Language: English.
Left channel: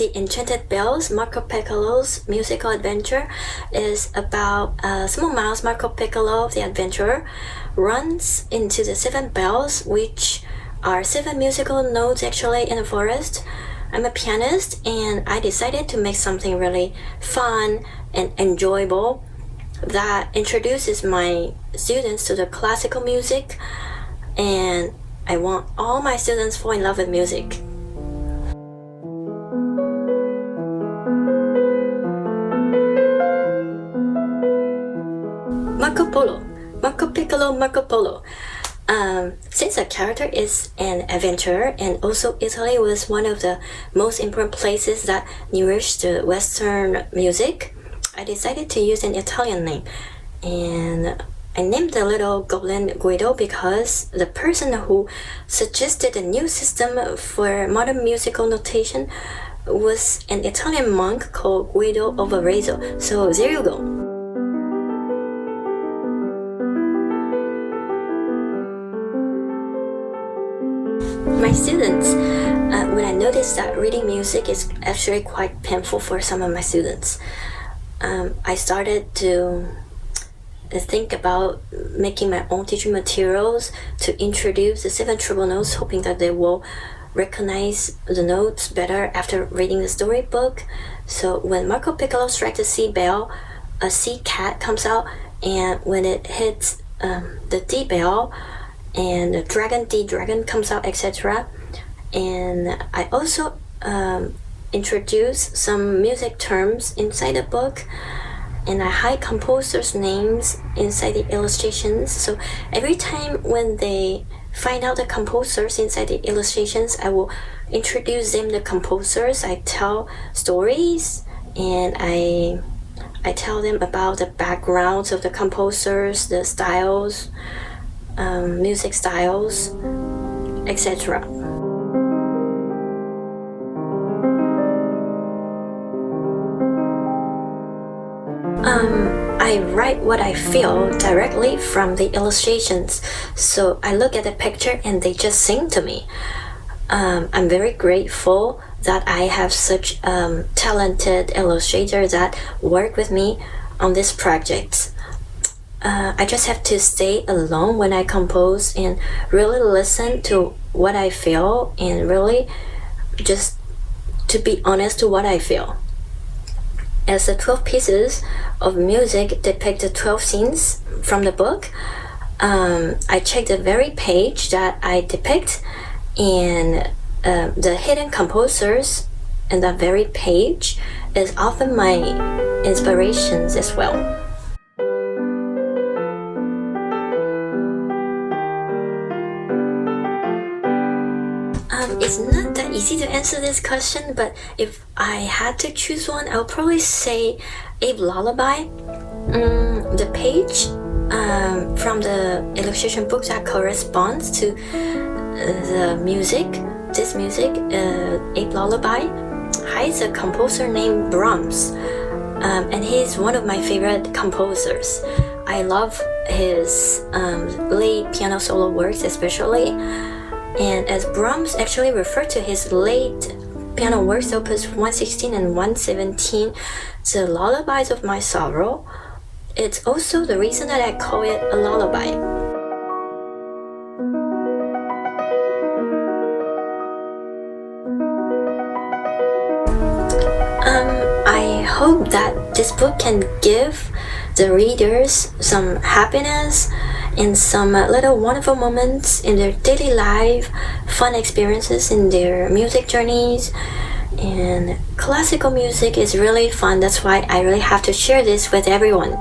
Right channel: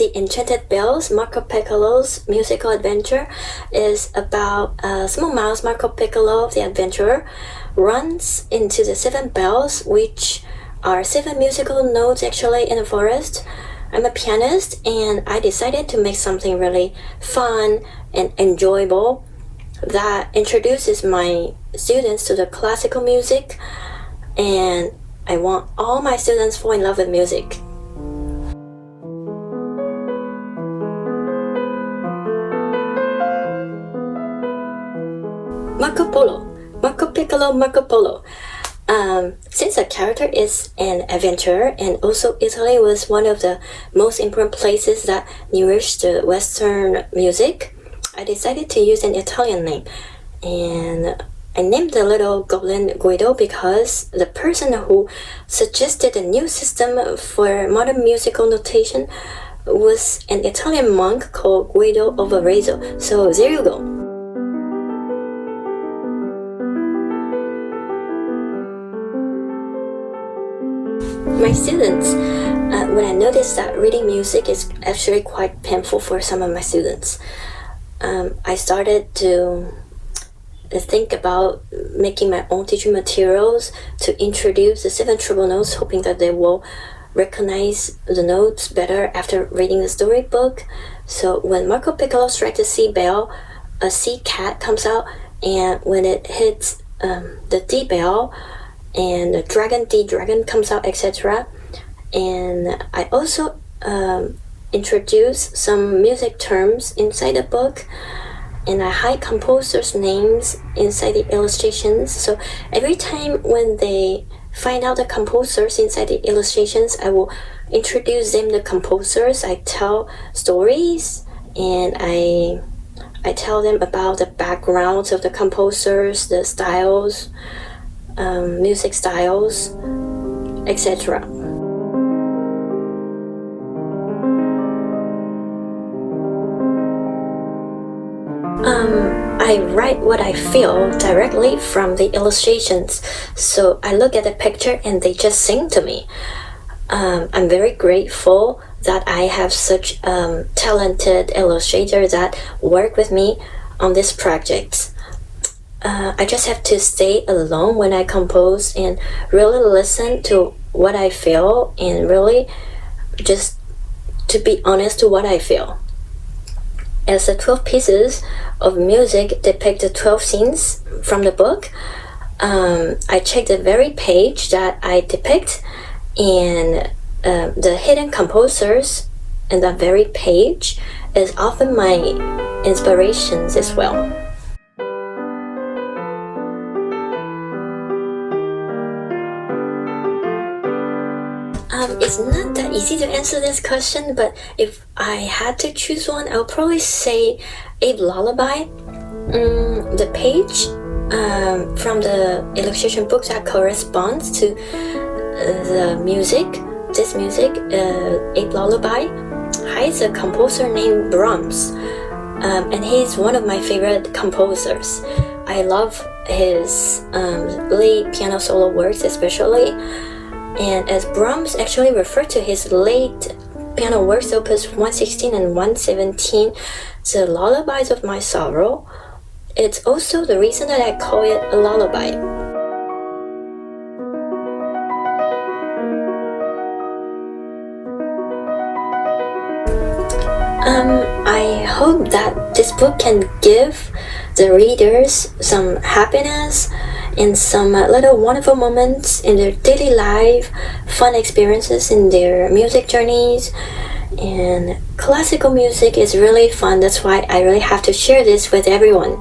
the Enchanted Bells, Marco Piccolo's musical adventure, is about a small mouse, Marco Piccolo, the adventurer, runs into the 7 bells, which are 7 musical notes actually in the forest. I'm a pianist, and I decided to make something really fun and enjoyable that introduces my students to the classical music, and I want all my students fall in love with music. Marco Piccolo. Since the character is an adventurer, and also Italy was one of the most important places that nourished the Western music, I decided to use an Italian name, and I named the little goblin Guido because the person who suggested a new system for modern musical notation was an Italian monk called Guido of Arezzo. So there you go. My students, when I noticed that reading music is actually quite painful for some of my students, I started to think about making my own teaching materials to introduce the 7 treble notes, hoping that they will recognize the notes better after reading the storybook. So when Marco Piccolo strikes the C bell, a C cat comes out, and when it hits the D bell, and the dragon, D dragon comes out, etc. And I also introduce some music terms inside the book, and I hide composers' names inside the illustrations. So every time when they find out the composers inside the illustrations, I will introduce them the composers. I tell stories, and I tell them about the backgrounds of the composers, the styles, music styles, etc. I write what I feel directly from the illustrations, so I look at the picture and they just sing to me. I'm very grateful that I have such talented illustrators that work with me on this project. I just have to stay alone when I compose and really listen to what I feel, and really just to be honest to what I feel. As the 12 pieces of music depict the 12 scenes from the book, I check the very page that I depict, and the hidden composers in that very page is often my inspirations as well. It's not that easy to answer this question, but if I had to choose one, I would probably say a lullaby. The page from the illustration book that corresponds to the music, this music, a lullaby, hides a composer named Brahms, and he's one of my favorite composers. I love his late piano solo works especially. And as Brahms actually referred to his late piano works, opus 116 and 117, the lullabies of my sorrow, it's also the reason that I call it a lullaby. I hope that this book can give the readers some happiness and some little wonderful moments in their daily life, fun experiences in their music journeys. And classical music is really fun. That's why I really have to share this with everyone.